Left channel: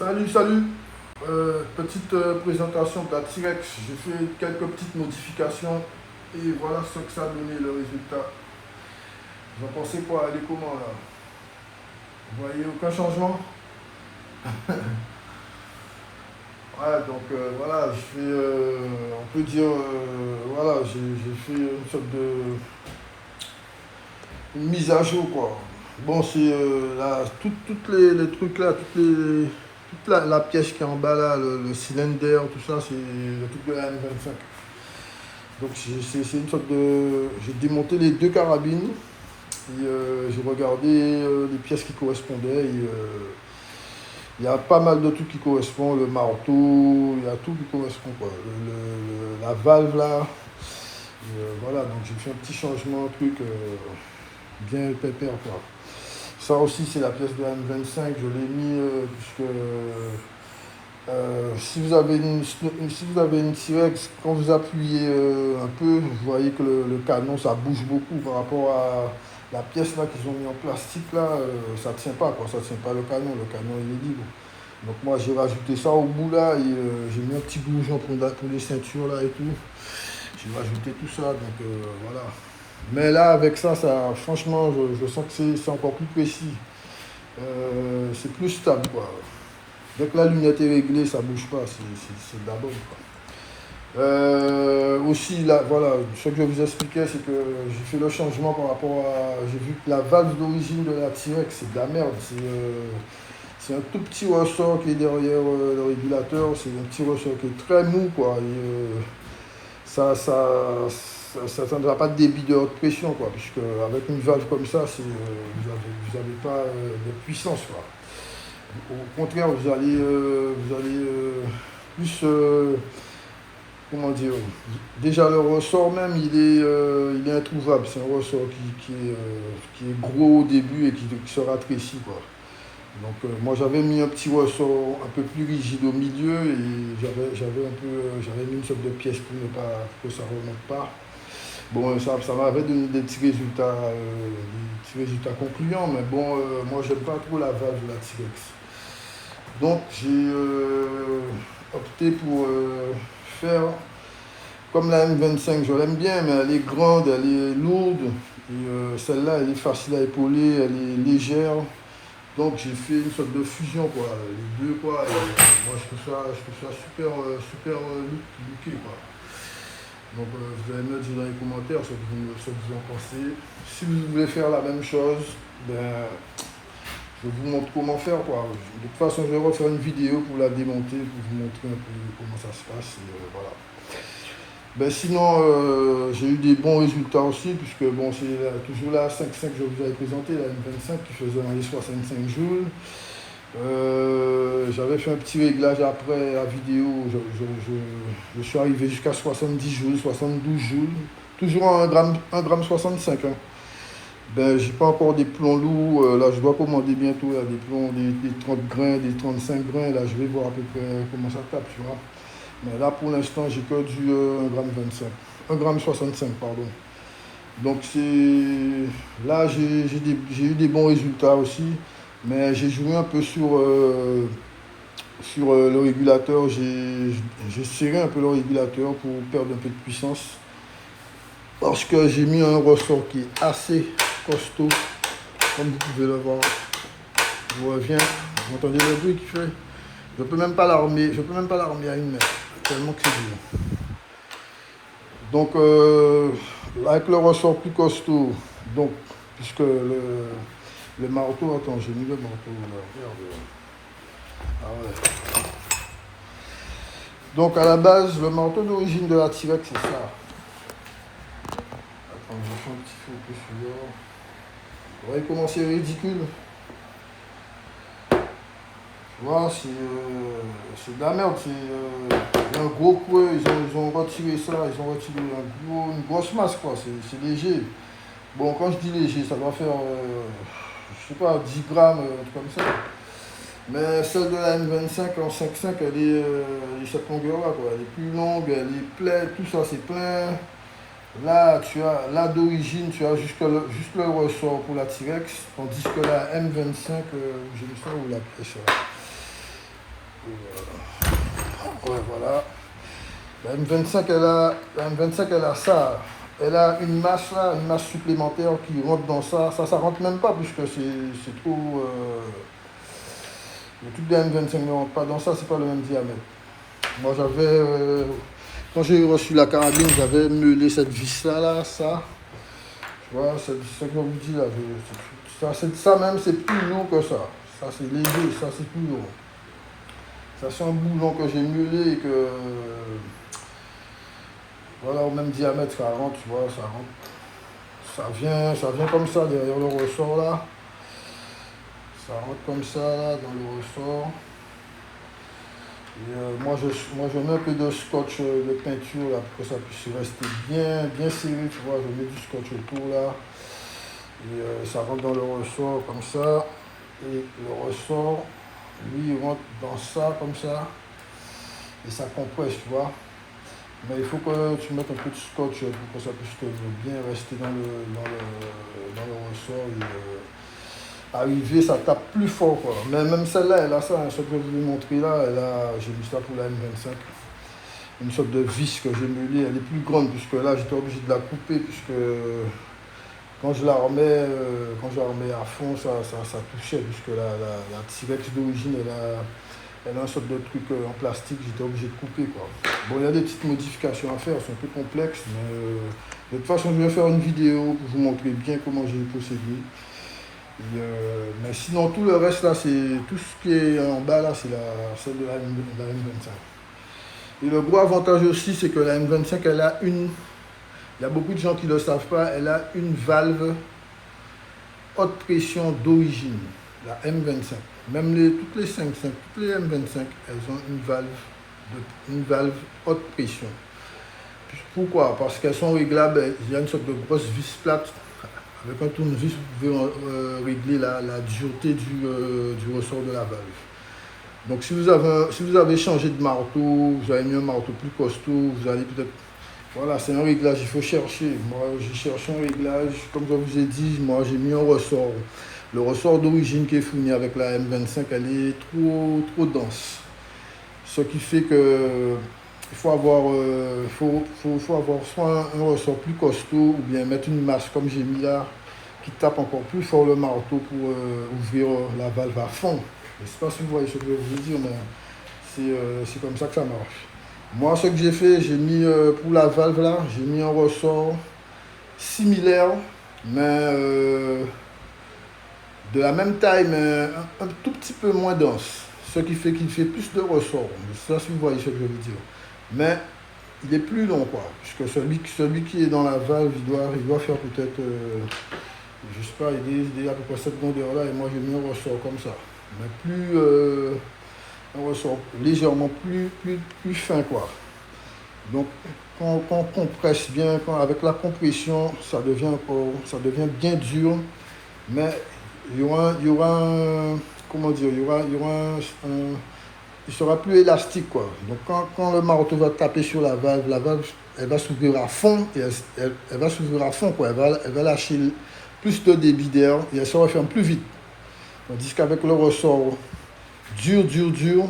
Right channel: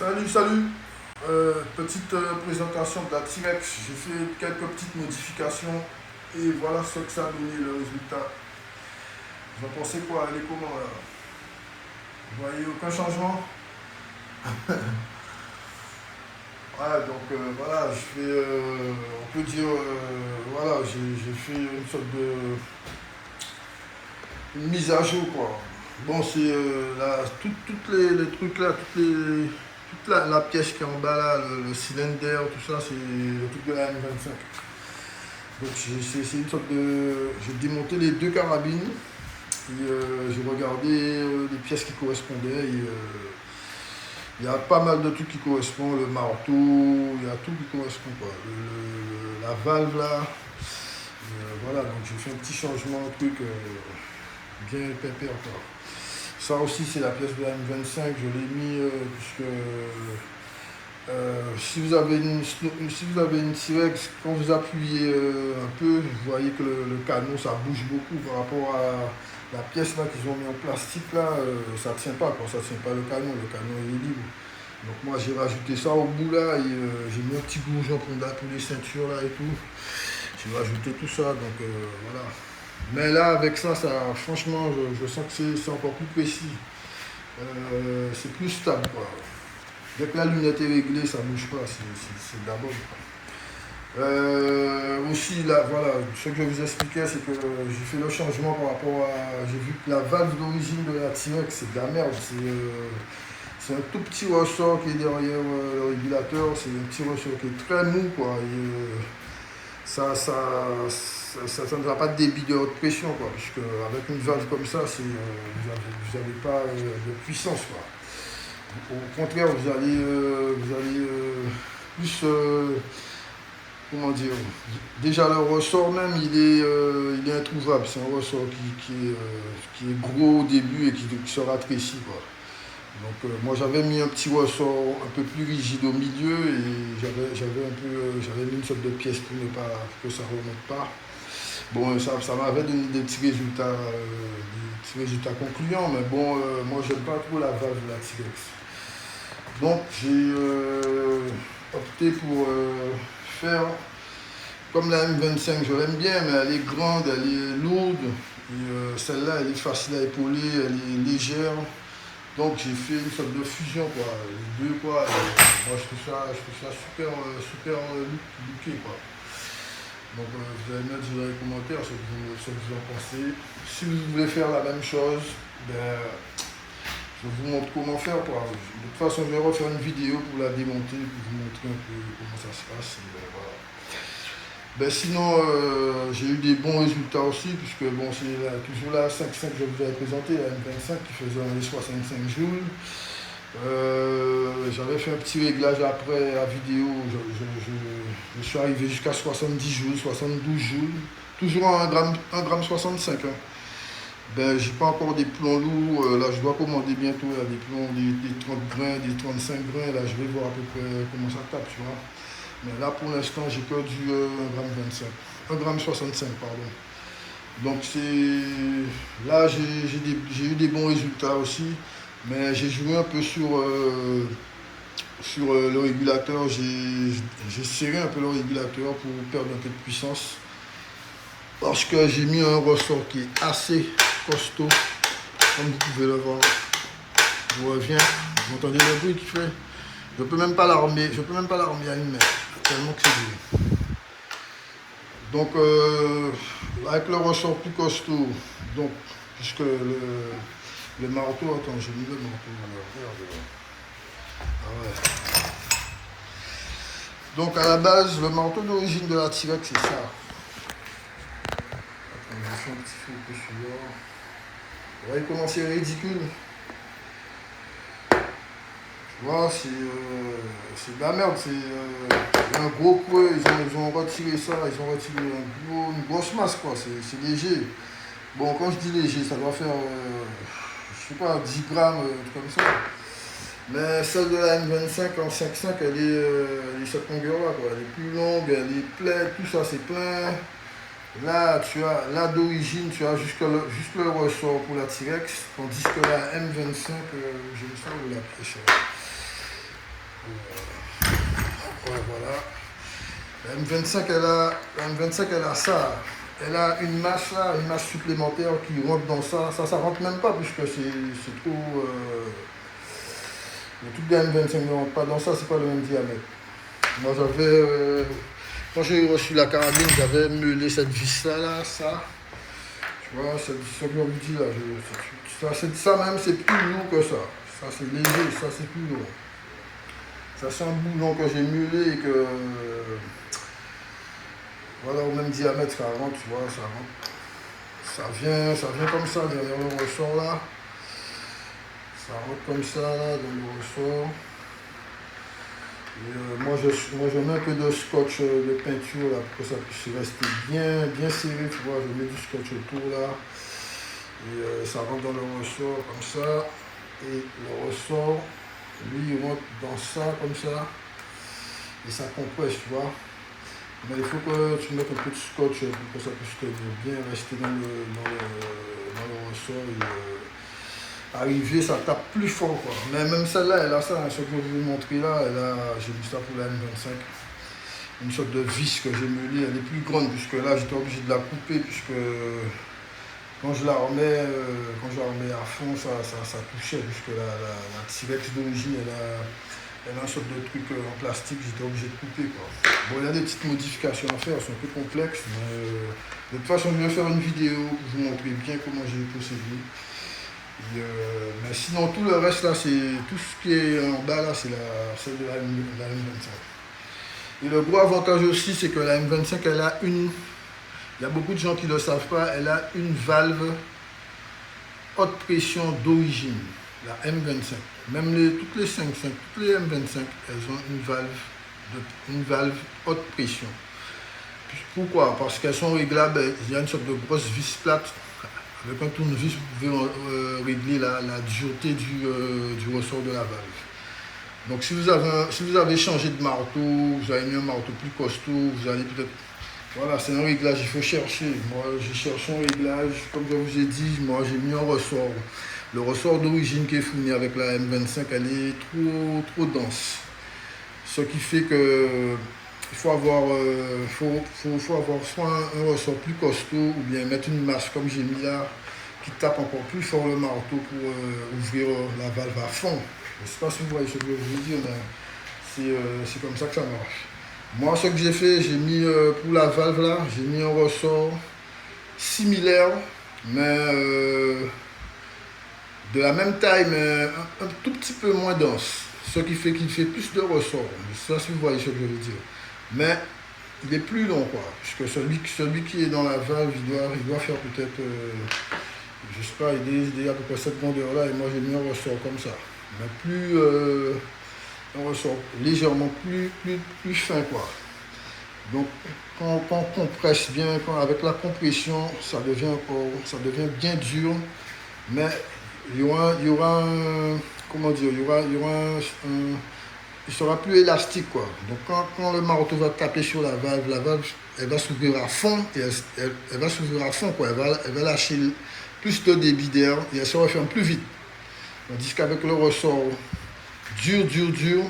Salut, salut. Petite présentation de la T-Rex. J'ai fait quelques petites modifications et voilà ce que ça a donné le résultat. Vous en pensez quoi? Elle est comment là? Vous voyez aucun changement? Ouais, donc voilà, on peut dire, voilà, j'ai fait une sorte de une mise à jour quoi. Bon, c'est toutes les trucs là, toute la pièce qui est en bas là, le cylindre, tout ça, c'est le truc de la M25. Donc c'est une sorte de. J'ai démonté les deux carabines et j'ai regardé les pièces qui correspondaient. Il y a pas mal de trucs qui correspondent, le marteau, il y a tout qui correspond quoi. La valve là, voilà, donc j'ai fait un petit changement, un truc bien pépère quoi. Ça aussi c'est la pièce de la M25, je l'ai mis puisque si vous avez une T-Rex, quand vous appuyez un peu, vous voyez que le canon ça bouge beaucoup par rapport à la pièce là qu'ils ont mis en plastique là, ça tient pas quoi, ça tient pas le canon il est libre. Donc moi j'ai rajouté ça au bout là et j'ai mis un petit bourgeon pour les ceintures là et tout. J'ai rajouté tout ça donc voilà. Mais là avec ça franchement je sens que c'est encore plus précis. C'est plus stable quoi. Dès que la lunette est réglée, ça ne bouge pas, c'est de la bonne. Aussi, là, voilà, ce que je vous expliquais, c'est que j'ai fait le changement par rapport à. J'ai vu que la valve d'origine de la T-Rex, c'est de la merde. C'est un tout petit ressort qui est derrière le régulateur. C'est un petit ressort qui est très mou, quoi. Et, ça ne va pas de débit de haute pression, quoi. Puisque avec une valve comme ça, vous n'avez pas de puissance, quoi. Au contraire, vous allez plus, comment dire, déjà le ressort même, il est introuvable. C'est un ressort qui est gros au début et qui se rétrécit, quoi. Donc moi j'avais mis un petit ressort un peu plus rigide au milieu et j'avais mis une sorte de pièce pour que ça ne remonte pas. Bon, ça m'avait donné des petits résultats concluants, mais bon, moi j'aime pas trop la valve de la T-Rex. Donc j'ai opté pour faire comme la M25, je l'aime bien, mais elle est grande, elle est lourde. Et celle-là, elle est facile à épauler, elle est légère. Donc j'ai fait une sorte de fusion, quoi, les deux, quoi. Et, moi je trouve ça super, super looké, quoi. Donc vous allez me dire dans les commentaires ce que vous en pensez. Si vous voulez faire la même chose, ben, je vous montre comment faire quoi. De toute façon, je vais refaire une vidéo pour la démonter, pour vous montrer un peu comment ça se passe. Et, voilà. Ben, sinon, j'ai eu des bons résultats aussi, puisque bon, c'est toujours la 5.5 que je vous avais présenté, la M25 qui faisait les 65 joules. J'avais fait un petit réglage après la vidéo, je suis arrivé jusqu'à 70 joules, 72 joules, toujours en 1 gramme 65. Hein. Ben, j'ai pas encore des plombs lourds. Là, je dois commander bientôt là, des plombs, des 30 grains, des 35 grains. Là, je vais voir à peu près comment ça tape, tu vois. Mais là, pour l'instant, j'ai que du 1 gramme 25. 1 gramme 65, pardon. Donc, là, j'ai eu des bons résultats aussi. Mais j'ai joué un peu sur le régulateur. J'ai serré un peu le régulateur pour perdre un peu de puissance. Parce que j'ai mis un ressort qui est assez costaud, comme vous pouvez le voir. Je reviens, vous entendez le bruit qu'il fait. Je peux même pas l'armer à une main, tellement que c'est dur. Donc avec le ressort plus costaud, donc puisque le marteau, attends, j'ai mis le marteau là, regarde. Ah ouais. Donc à la base, le marteau d'origine de la T-Rex, c'est ça. Attends, je fais un petit feu que celui-là. Vous voyez comment c'est ridicule. Tu vois, c'est de la merde. Un gros creux, ils ont retiré ça, ils ont retiré une grosse masse, quoi. C'est léger. Bon, quand je dis léger, ça doit faire, je sais pas, 10 grammes, un truc comme ça. Mais celle de la M25 en 5.5, elle est cette longueur-là, quoi. Elle est plus longue, elle est pleine, tout ça, c'est plein. Là d'origine, tu as juste le ressort pour la T-Rex, tandis que la M25, je ne sais pas où la presse là. Voilà. La M25 elle a ça. Elle a une masse là, une masse supplémentaire qui rentre dans ça. Ça rentre même pas puisque c'est trop. Le truc de M25 ne rentre pas dans ça, c'est pas le même diamètre. Moi j'avais. Quand j'ai reçu la carabine, j'avais meulé cette vis là, ça. Tu vois, c'est ce que je vous dis là. Ça même, c'est plus lourd que ça. Ça c'est léger, ça c'est plus lourd. Ça c'est un boulon que j'ai meulé et que. Voilà, au même diamètre, ça rentre, tu vois, ça rentre. Ça vient comme ça derrière le ressort là. Ça rentre comme ça là, dans le ressort. Et moi, je mets un peu de scotch de peinture là, pour que ça puisse rester bien serré, tu vois. Je mets du scotch autour là. Et ça rentre dans le ressort comme ça. Et le ressort, lui, il rentre dans ça comme ça. Et ça compresse, tu vois. Mais il faut que tu mettes un peu de scotch pour que ça puisse bien rester dans le ressort. Et, arriver, ça tape plus fort, quoi. Mais même celle-là, elle a ça, hein, ce que je vous ai montré là, j'ai mis ça pour la M25. Une sorte de vis que j'ai meulée, elle est plus grande, puisque là, j'étais obligé de la couper, puisque quand je la remets à fond, ça touchait, puisque la T-Rex d'origine, elle a une sorte de truc en plastique, j'étais obligé de couper, quoi. Bon, il y a des petites modifications à faire, c'est un peu complexe, mais de toute façon, je vais faire une vidéo pour vous montrer bien comment j'ai procédé. Mais sinon, tout le reste, là, c'est tout ce qui est en bas, là, c'est celle de la M25. Et le gros avantage aussi, c'est que la M25, elle a une... Il y a beaucoup de gens qui ne le savent pas, elle a une valve haute pression d'origine, la M25. Même toutes les 5.5, toutes les M25, elles ont une valve haute pression. Pourquoi? Parce qu'elles sont réglables, il y a une sorte de grosse vis plate. Avec un tournevis, vous pouvez régler la dureté du ressort de la valve. Donc si vous avez changé de marteau, vous avez mis un marteau plus costaud, vous allez peut-être... Voilà, c'est un réglage, il faut chercher. Moi, j'ai cherché un réglage, comme je vous ai dit, moi j'ai mis un ressort. Le ressort d'origine qui est fourni avec la M25, elle est trop dense. Ce qui fait que il faut avoir, faut avoir soit un ressort plus costaud ou bien mettre une masse comme j'ai mis là qui tape encore plus fort le marteau pour ouvrir la valve à fond. Je ne sais pas si vous voyez ce que je veux dire, mais c'est comme ça que ça marche. Moi, ce que j'ai fait, j'ai mis pour la valve là, j'ai mis un ressort similaire, mais de la même taille, mais un tout petit peu moins dense. Ce qui fait qu'il fait plus de ressort. Je ne sais pas si vous voyez ce que je veux dire. Mais il est plus long, quoi. Puisque celui qui est dans la valve, il doit faire peut-être, je ne sais pas, il est à peu près cette grandeur là, et moi j'ai mis un ressort comme ça. Mais un ressort légèrement plus fin, quoi. Donc quand on compresse bien, avec la compression, ça devient bien dur, mais il y aura un, comment dire, il sera plus élastique, quoi. Donc quand le marteau va taper sur la valve, elle va s'ouvrir à fond, et elle va s'ouvrir à fond, quoi. Elle va lâcher plus de débit d'air et elle se referme plus vite. Tandis qu'avec le ressort dur,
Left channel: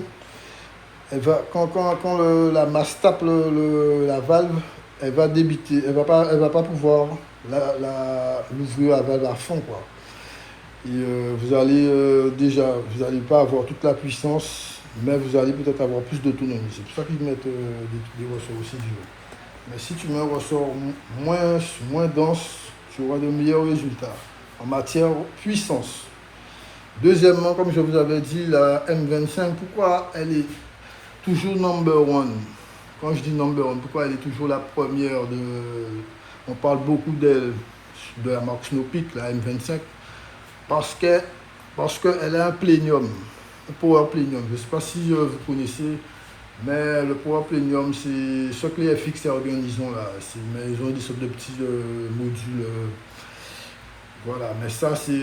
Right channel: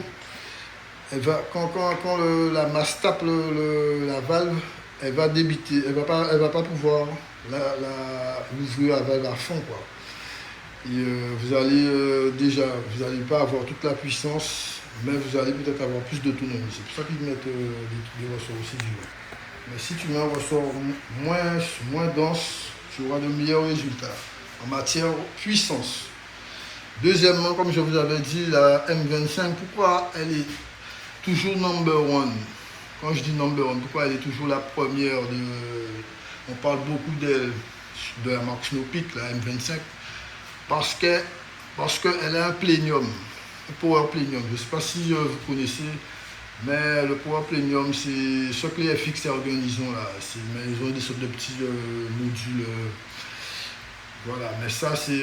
quand la masse tape la valve, elle va débiter, elle va pas pouvoir l'ouvrir la valve à fond, quoi. Et vous allez vous allez pas avoir toute la puissance, mais vous allez peut-être avoir plus d'autonomie. C'est pour ça qu'ils mettent des ressorts aussi durs. Mais si tu mets un ressort moins dense, tu auras de meilleurs résultats en matière puissance. Deuxièmement, comme je vous avais dit, la M25, pourquoi elle est toujours number one? Quand je dis number one, pourquoi elle est toujours la première on parle beaucoup d'elle, de la marque Snow Peak, la M25, parce qu'elle a un plénium, un power plénium. Je ne sais pas si vous connaissez, mais le power plénium, c'est ce que les FX organisent là. Mais ils ont des sortes de petits modules. Voilà, mais ça c'est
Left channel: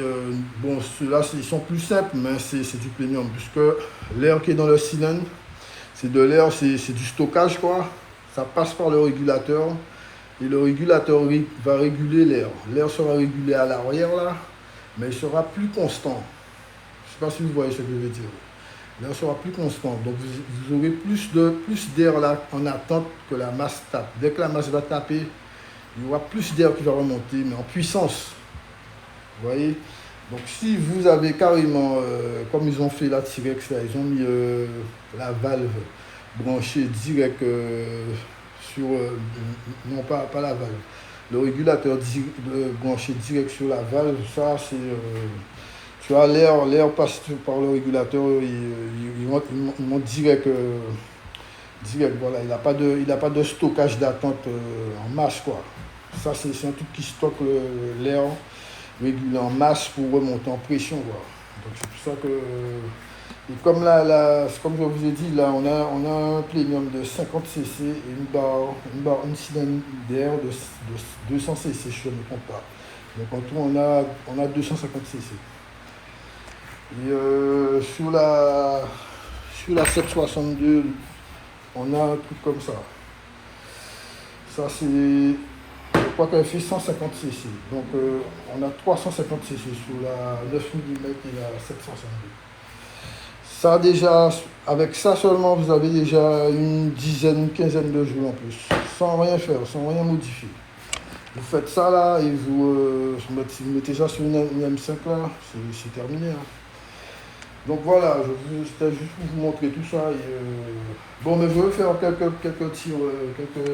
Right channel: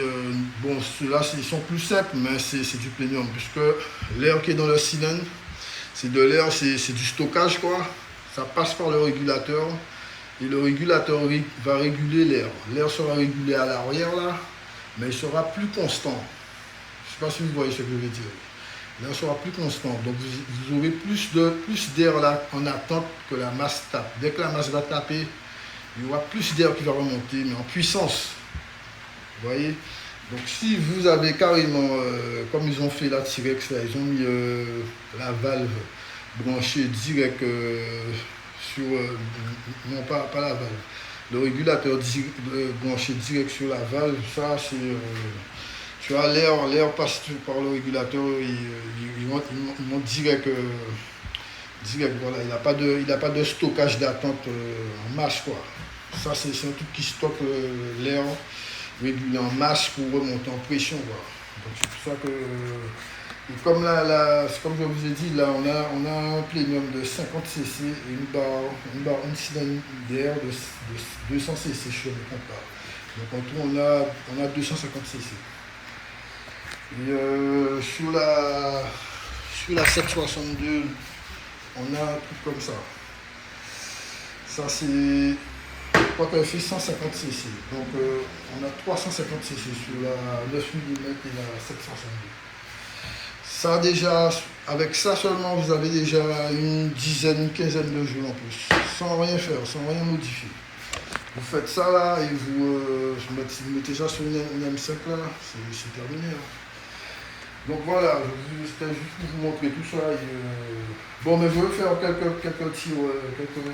bon, ceux-là ils sont plus simples, mais c'est du plénium, puisque l'air qui est dans le cylindre, c'est de l'air, c'est du stockage, quoi. Ça passe par le régulateur et le régulateur va réguler l'air. L'air sera régulé à l'arrière là, mais il sera plus constant. Je ne sais pas si vous voyez ce que je veux dire. l'air sera plus constant. Donc vous aurez plus d'air là en attente que la masse tape. Dès que la masse va taper, il y aura plus d'air qui va remonter, mais en puissance. Vous voyez? Donc si vous avez carrément, comme ils ont fait la T-Rex, là, ils ont mis la valve branchée direct sur... non, pas la valve. Le régulateur branché direct sur la valve, ça c'est... tu as l'air passe par le régulateur, il monte direct, direct, voilà. Il n'a pas de stockage d'attente en masse, quoi. Ça c'est un truc qui stocke l'air régulé en masse pour remonter en pression, quoi. Donc c'est pour ça que... et comme comme je vous ai dit, là on a un plénium de 50 cc et une cylindre d'air de 200 cc, si je ne me trompe pas. Donc en tout on a 250 cc. Et sur la 762, on a un truc comme ça. Ça c'est... je crois qu'elle fait 150 cc. Donc on a 350 cc sur la 9 mm et la 762. Ça déjà, avec ça seulement, vous avez déjà une dizaine, une quinzaine de jours en plus. Sans rien faire, sans rien modifier. Vous faites ça là et vous mettez ça sur une M5 là, c'est terminé. Hein. Donc voilà, c'était juste pour vous montrer tout ça. Et, bon, mais je vais faire quelques tirs, quelques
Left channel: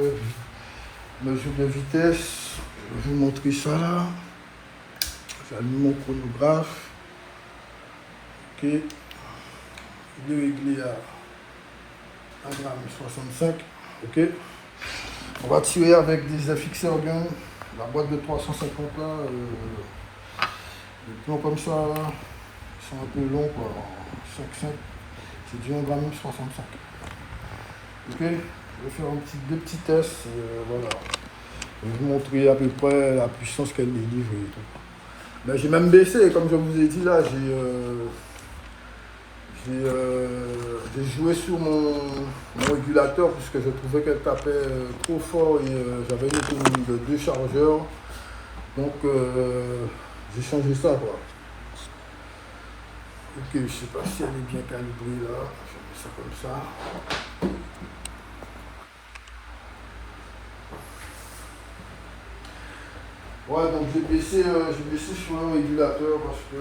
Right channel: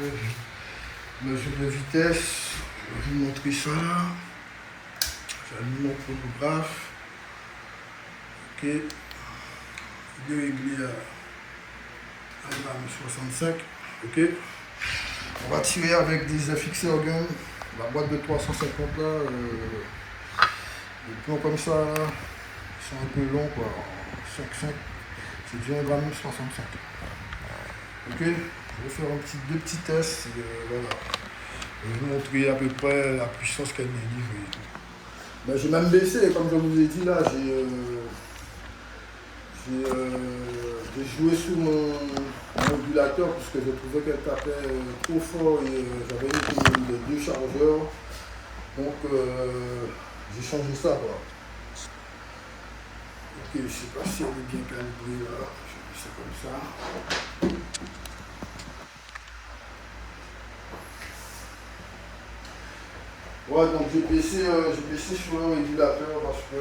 mesures de vitesse. Je vais vous montrer ça là. J'allume mon chronographe. Ok. Il est réglé à 1,65 g. Ok. On va tirer avec des fixeurs gun. La boîte de 350 là. Des plans comme ça là. Ils sont un peu longs quoi. 5,5. C'est du 1,65 g. Ok. Je vais faire deux petits tests. Et, voilà. Je vais vous montrer à peu près la puissance qu'elle délivre. Ben, j'ai même baissé, comme je vous ai dit là, j'ai joué sur mon régulateur puisque je trouvais qu'elle tapait trop fort et j'avais une autonomie de 2 chargeurs. Donc j'ai changé ça. Quoi. Ok, je ne sais pas si elle est bien calibrée là. Je mets ça comme ça. Ouais, donc j'ai baissé sur le régulateur parce que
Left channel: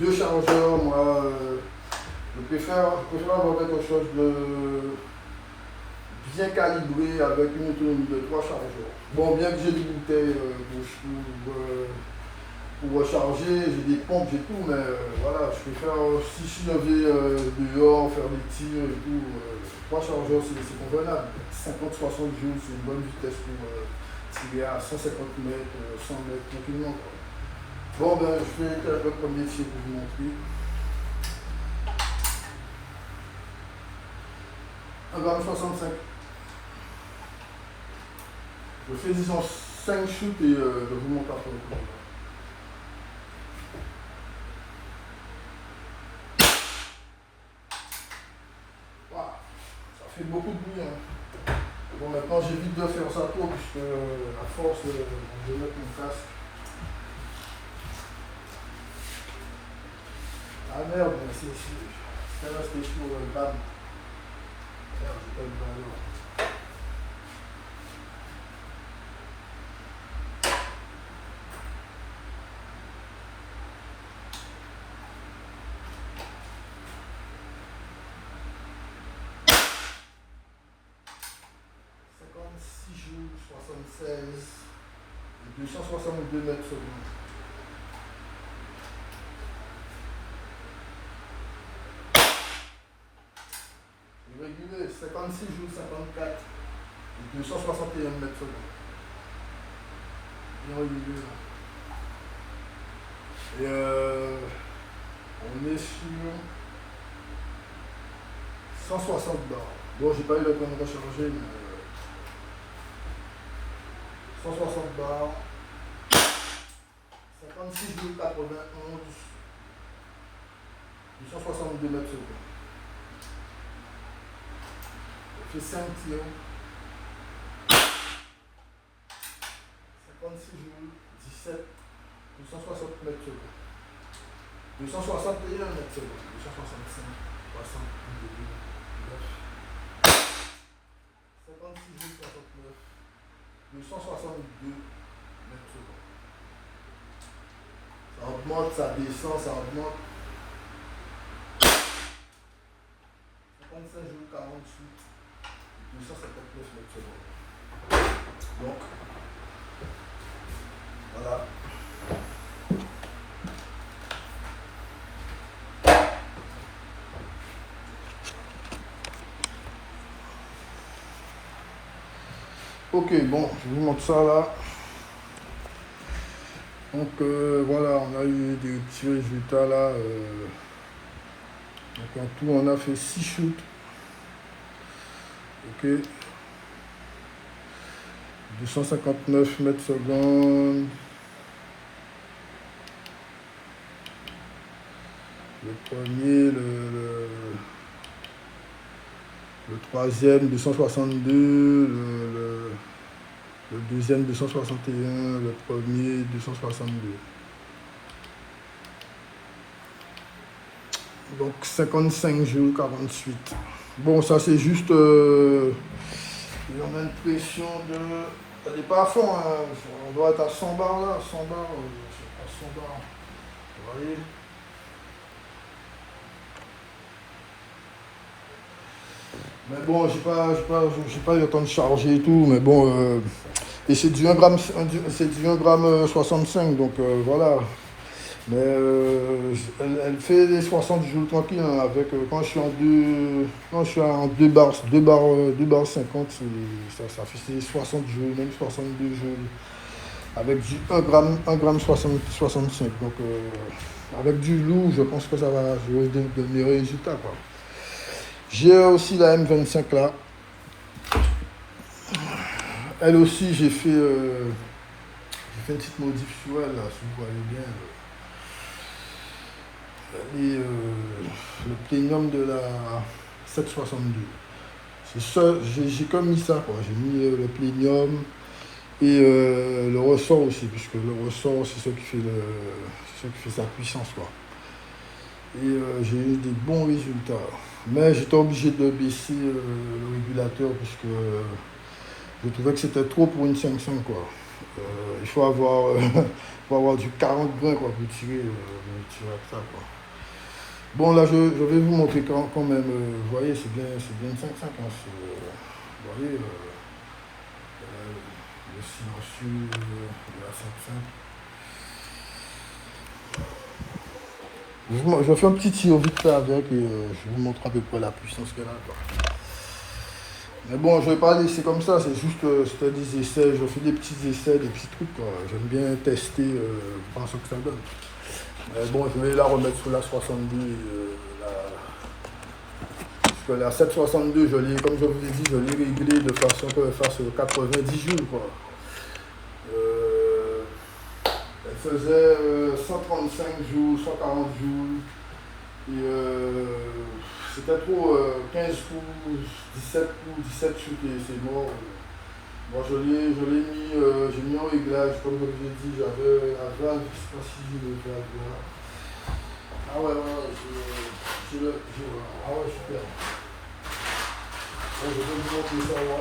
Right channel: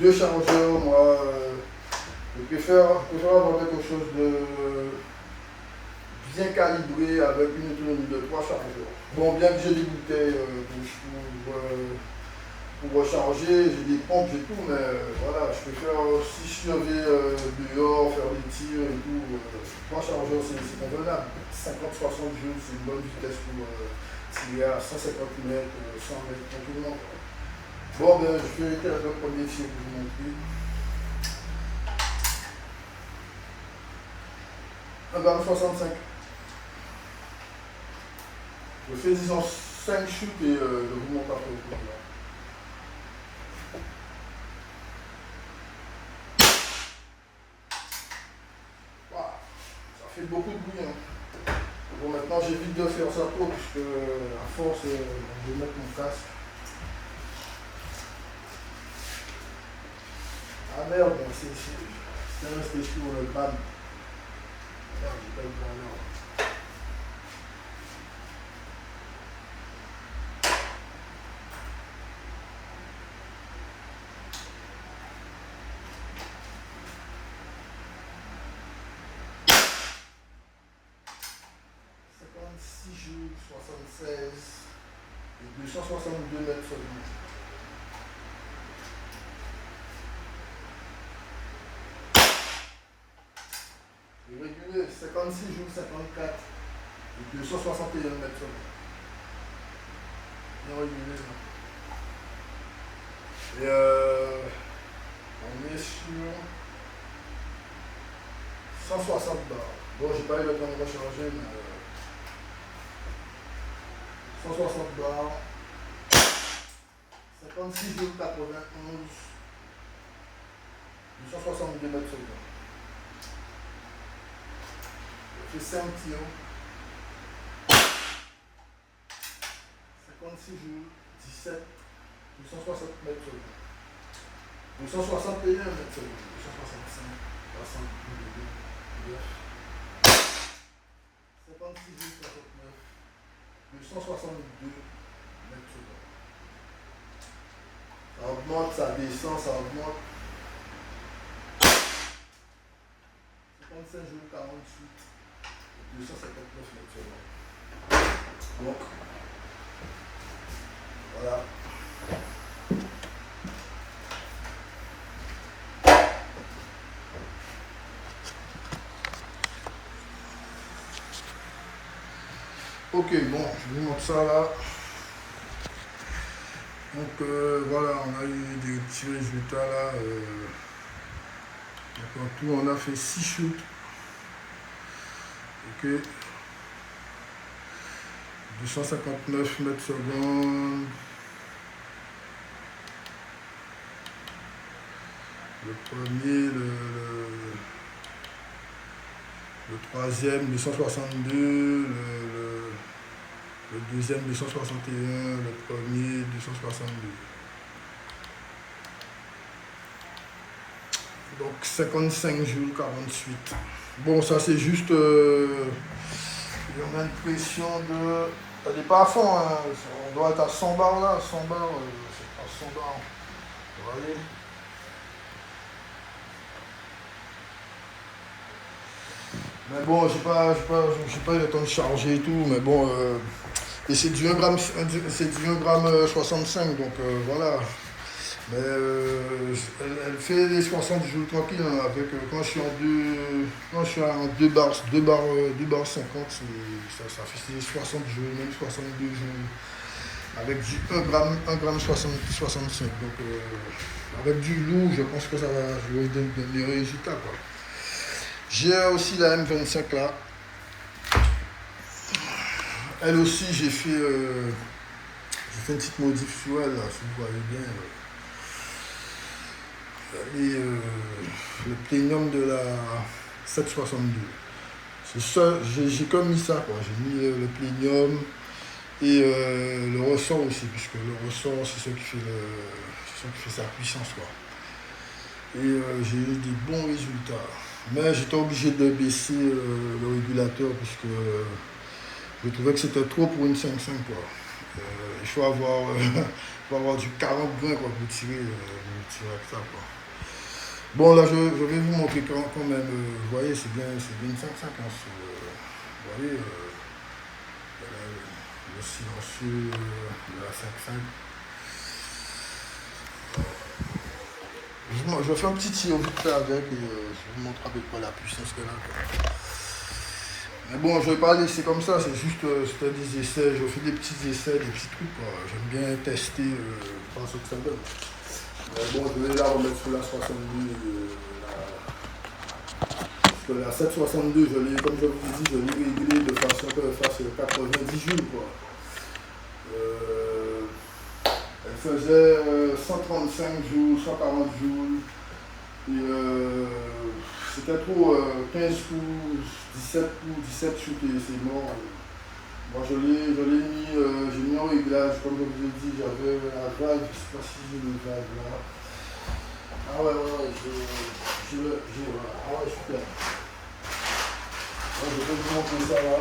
2 chargeurs, moi, je préfère avoir quelque chose de bien calibré avec une autonomie de 3 chargeurs. Bon, bien que j'ai des bouteilles pour recharger, j'ai des pompes et tout, mais voilà, je préfère, si je vais dehors, faire des tirs et tout, 3 chargeurs c'est convenable. 50-60 joules, c'est une bonne vitesse pour tirer à 150 mètres, 100 mètres tranquillement. Bon, ben, je vais faire le premier tir pour vous montrer. 1,65 g. Je fais disons 5 shoots et je vous montre après. Wow, ça fait beaucoup de bruit. Hein. Bon, maintenant j'évite de faire ça trop puisque à force je vais mettre mon casque. Ah merde, c'est resté sur le bam. Merde, j'ai pas eu de valeur. Joules, 76 et 262 mètres secondes. Régulé, 56 joules, 54 et 261 mètres secondes. Bien régulé. Et on est sur 160 barres. Bon, j'ai pas eu le temps de recharger, mais 160 barres, 56,91, 262 mètres secondes. Je fais 5 tirs, 56 joules, 17, 260 mètres secondes. 261 mètres secondes. 265, 60, 56 069, 262 mètres secondes. Ça augmente, ça descend, ça augmente. 55 jours 48, 259 mètres secondes. Donc, voilà. Ok, bon, je vous montre ça là. Donc voilà, on a eu des petits résultats là. Donc en tout, on a fait 6 shoots. Ok. 259 mètres secondes. Le premier, le troisième 262, le deuxième 261, le premier 262. Donc 55 jours 48. Bon, ça c'est juste... on a une pression de... Elle n'est pas à fond, hein. On doit être à 100 bars là, 100 bars, c'est à 100 bars. Vous voyez? Mais bon, j'ai pas eu le temps de charger et tout, mais bon, et c'est du 1 gramme, 65, donc voilà. Mais elle fait les 60 jours tranquille, hein, avec quand je suis en 2 bars 50, ça fait 60 jours, même 62 jours, avec du 1 gramme 65. Donc avec du lourd, je pense que ça va jouer de meilleurs résultats, quoi. J'ai aussi la M25 là. Elle aussi, j'ai fait une petite modif sur elle, là, si vous voyez bien. Et le plénium de la 762. C'est ça, j'ai comme mis ça, quoi. J'ai mis le plénium et le ressort aussi, puisque le ressort, c'est ce qui fait sa puissance, quoi. Et j'ai eu de bons résultats. Mais j'étais obligé de baisser le régulateur, puisque je trouvais que c'était trop pour une 5.5, quoi. Il faut avoir, du 40 grains, quoi, pour tirer avec ça, quoi. Bon, là, je vais vous montrer quand même. Vous voyez, c'est bien une 5.5. Hein, vous voyez, le silencieux de la 5.5. Je fais un petit tir vite fait avec et je vous montre à peu près la puissance qu'elle a, quoi. Mais bon, je ne vais pas laisser comme ça, c'est juste c'était des essais, je fais des petits essais, des petits trucs, quoi. J'aime bien tester dans ce que ça donne. Mais bon, je vais la remettre sur la 62. Parce que la 762, comme je vous ai dit, je l'ai réglée de façon qu'elle fasse 90 jours, quoi. Elle faisait 135 jours, 140 jours. Et c'était trop 15 coups, 17 coups, 17 chutes et c'est mort. Moi j'ai mis en réglage, comme je vous ai dit, j'avais la valve, je ne sais pas si j'ai le valve là. Ah ouais, ah ouais, super. Donc, je vais vous montrer ça là.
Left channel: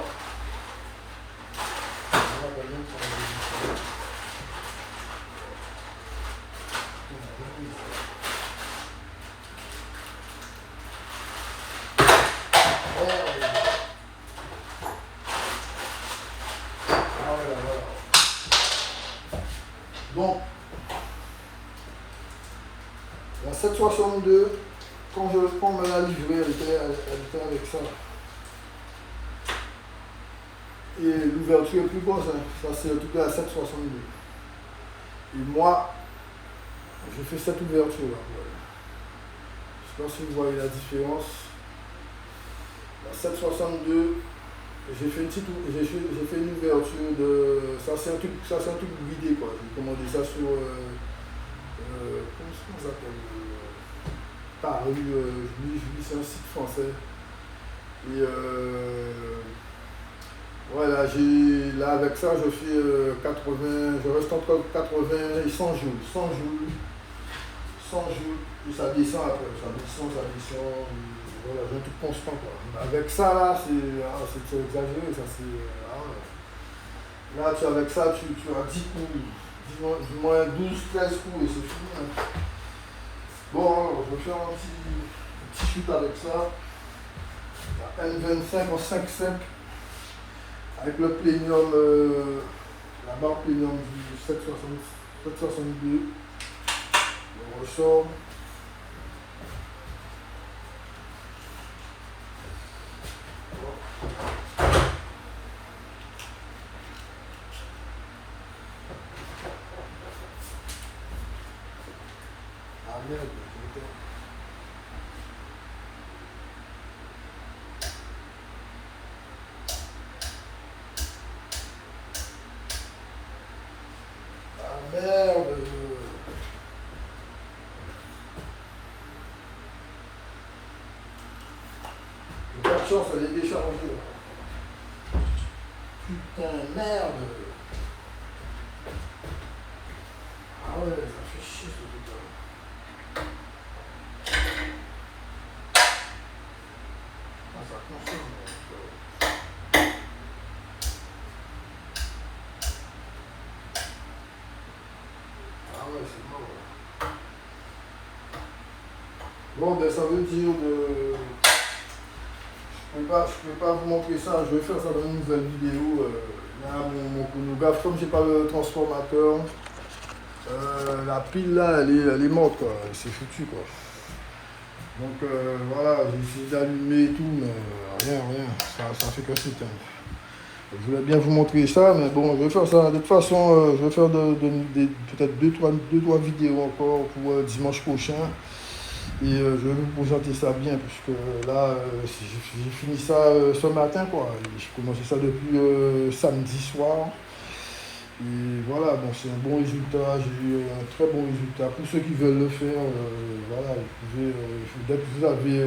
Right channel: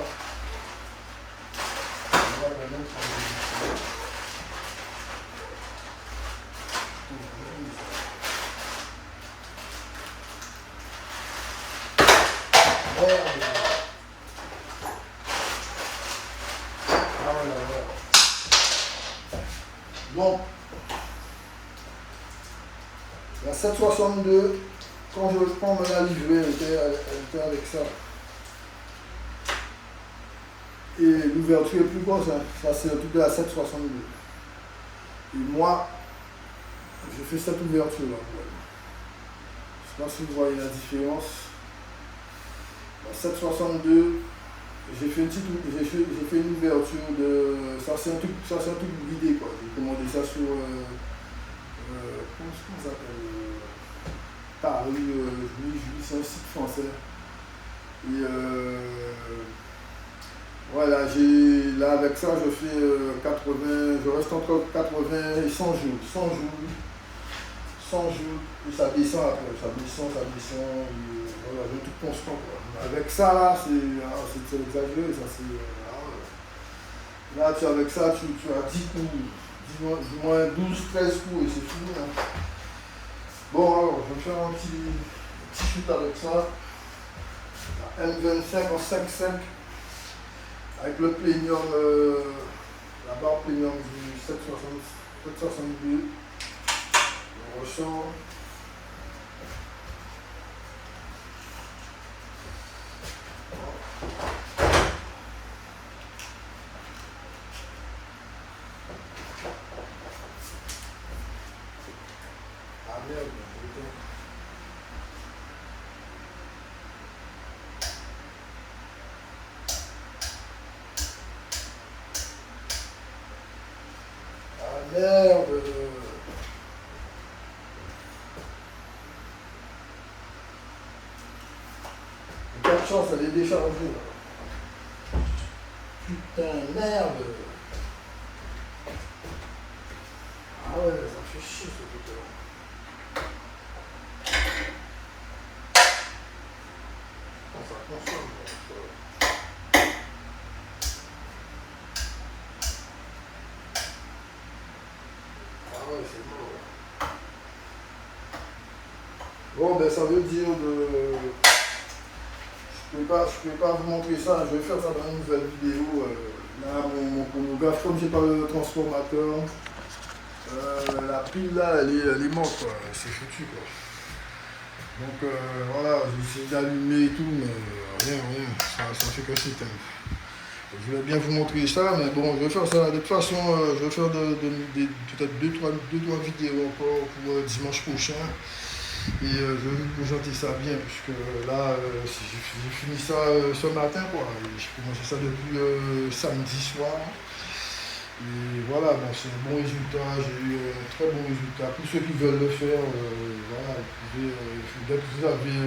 Donc, la 762, quand me l'a livrée, elle était avec ça. Et l'ouverture est plus grosse, hein. Ça c'est le truc de la 762. Et moi, j'ai fait cette ouverture là. Je ne sais pas si vous voyez la différence. La 762, j'ai fait une ouverture de. Ça c'est un truc guidé, quoi. J'ai commandé ça sur comment ça s'appelle, Paris, c'est un site français. Et voilà, là avec ça je fais 80, je reste entre 80 et 100 jours. 100 100 jours, et ça descend après, ça descend, voilà, un truc constant quoi. Avec ça là, c'est exagéré, ça c'est. Là, avec ça, tu as 10 coups, du moins 12, 13 coups et c'est fini. Hein. Bon, alors, je vais faire un petit shoot avec ça. La M25 en 5.5 avec le plénium, la barre plénium du 762. On ressort. Ah merde, putain. Ah merde. J'ai pas de chance, elle est déchargée. Putain, merde. Ah ouais, ça fait chier ce truc-là. Ah, ça consomme. Ah ouais, c'est mort. Bon, ben ça veut dire que je peux pas vous montrer ça. Je vais faire ça dans une nouvelle vidéo. Là, mon chronographe, comme j'ai pas le transformateur, la pile là, elle est morte, quoi. C'est foutu, quoi. Donc voilà, j'ai essayé d'allumer et tout, mais rien, ça fait que s'éteindre. Je voulais bien vous montrer ça, mais bon, je vais faire ça. De toute façon, je vais faire peut-être 2-3 vidéos encore pour dimanche prochain. Et je vais vous présenter ça bien, puisque là, j'ai fini ça ce matin, quoi. J'ai commencé ça depuis samedi soir. Et voilà, bon, c'est un bon résultat, j'ai eu un très bon résultat. Pour ceux qui veulent le faire, voilà, vous pouvez, dès que vous avez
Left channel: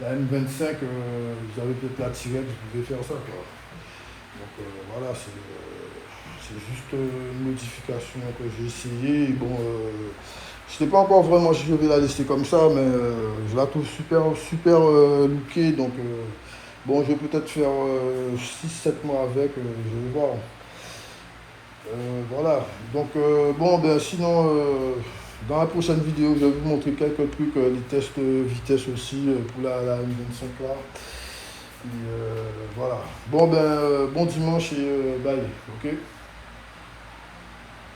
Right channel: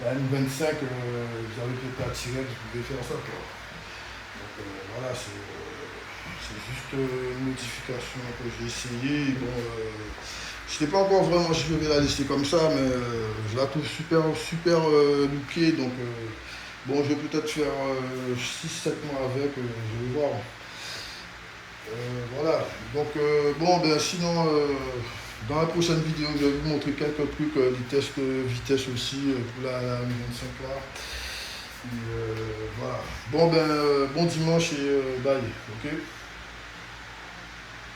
la M25, vous avez peut-être la tirette, vous pouvez faire ça, quoi. Donc voilà, c'est juste une modification que j'ai essayé. Et bon, je ne sais pas encore vraiment si je vais la laisser comme ça, mais je la trouve super lookée. Donc bon, je vais peut-être faire 6-7 mois avec, je vais voir. Voilà, donc bon, ben sinon, dans la prochaine vidéo, je vais vous montrer quelques trucs, les tests vitesse aussi pour la M25 là. Et, voilà, bon ben, bon dimanche et bye, ok.